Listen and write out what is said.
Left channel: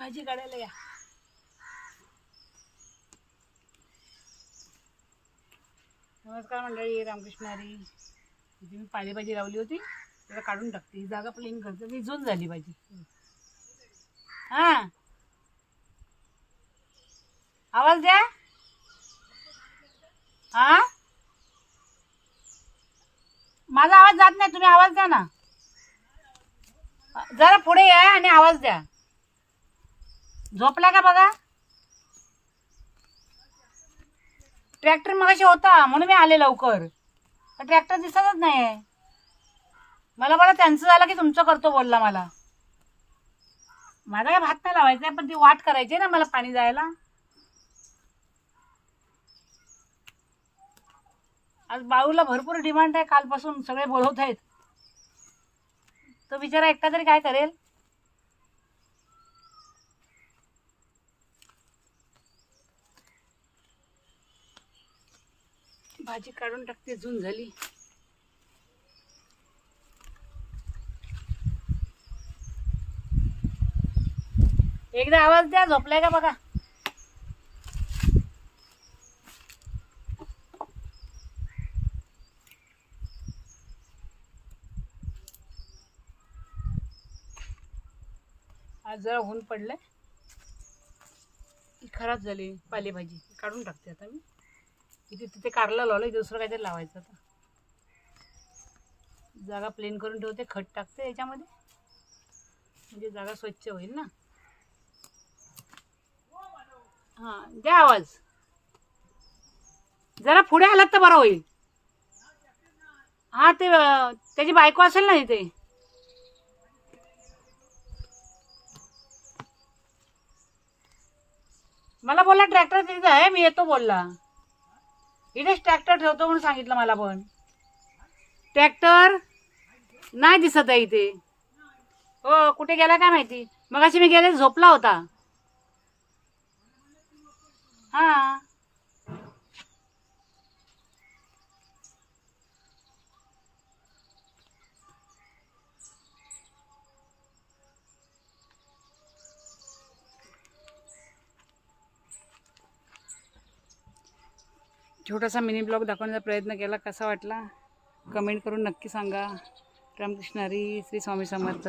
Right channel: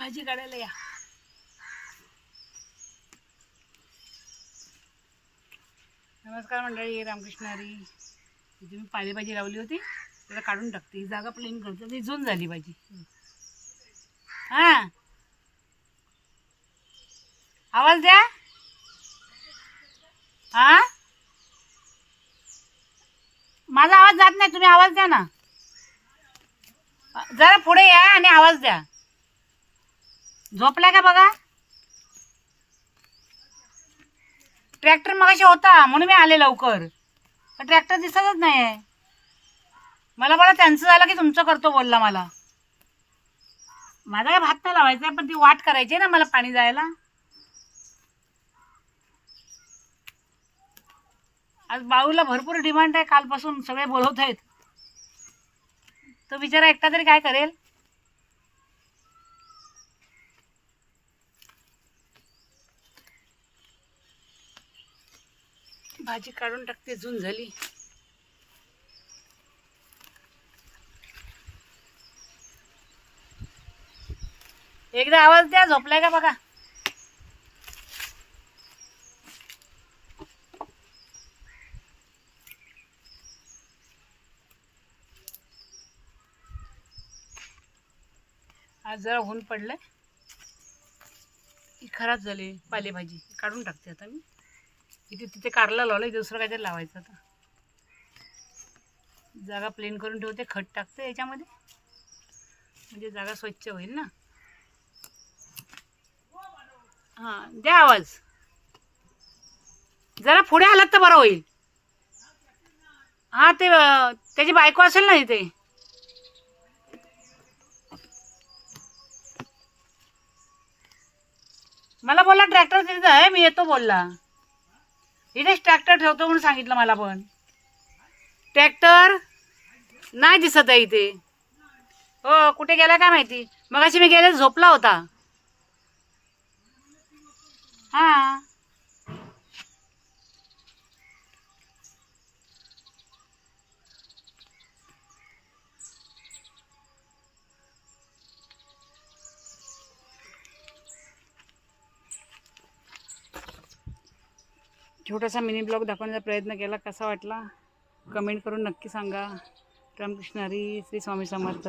भाजी काढायला या. नमस्कार मंडळी, रामकृष्ण हरी. इथे मी पालेभाजी लावली होती, त्याला काढून टाकते. ही जागा प्लेन करतो, ती झून झाली भाजी. हां, आवाज द्या. हां, माझा आवाज जात नाही, तुम्ही आवाज द्या ना. जरा पुढे या आणि आवाज द्या. झोपला का बघा. ट्रॅक्टर मगाशी होता म्हणून मी आले लवकर, पण ट्रॅक्टर दिसतच नाही आहे मला. बरं त्यांचं झालं की तुमचं करतो बोलला मला. माझा काय भात नाही लावायचा आहे, पण ती वाट करायची ना मला पाणी जायला. आज बाळूला भरपूर डिमांड आहे, कालपासून सगळे बोलवत आहेत. तो बिचारा एकटा तरी काय करेल. भाजी काढून टाकते, झून झाली. एकदा आवाज द्या, झोपलाय का बघा. आज जरा ऊन पडलंय, ही खराब झाली पालेभाजी, काढून टाकते आता मी. इथे तिथे कारला लावलं, दुसरं काहीतरी लावायचं आता. जागा प्लेन करून ठेवते, खत टाकते याच्यामध्ये, म्हणजे जागा स्वच्छ होईल ना. हां, द्या आवाज. जरा पुढे आलात तर बरं होईल. हां, ते त्याची बायको असेल ना इथे. मला बोलला ट्रॅक्टर तिथे आहे, मी येतो बोलला. इथेच ट्रॅक्टर ठेवतो म्हणून सांगितलं मला, पण ट्रॅक्टर नाही दिसत आहे इथे. हो, कुठे गेला काय माहिती. मगाशी मी गेले, झोपला होता. हां, छोटासा मिनी ब्लॉग दाखवण्याचा प्रयत्न केला. कसा वाटला कमेंट करून नक्की सांगा. रामकृष्ण हरी. श्री स्वामी समर्थ.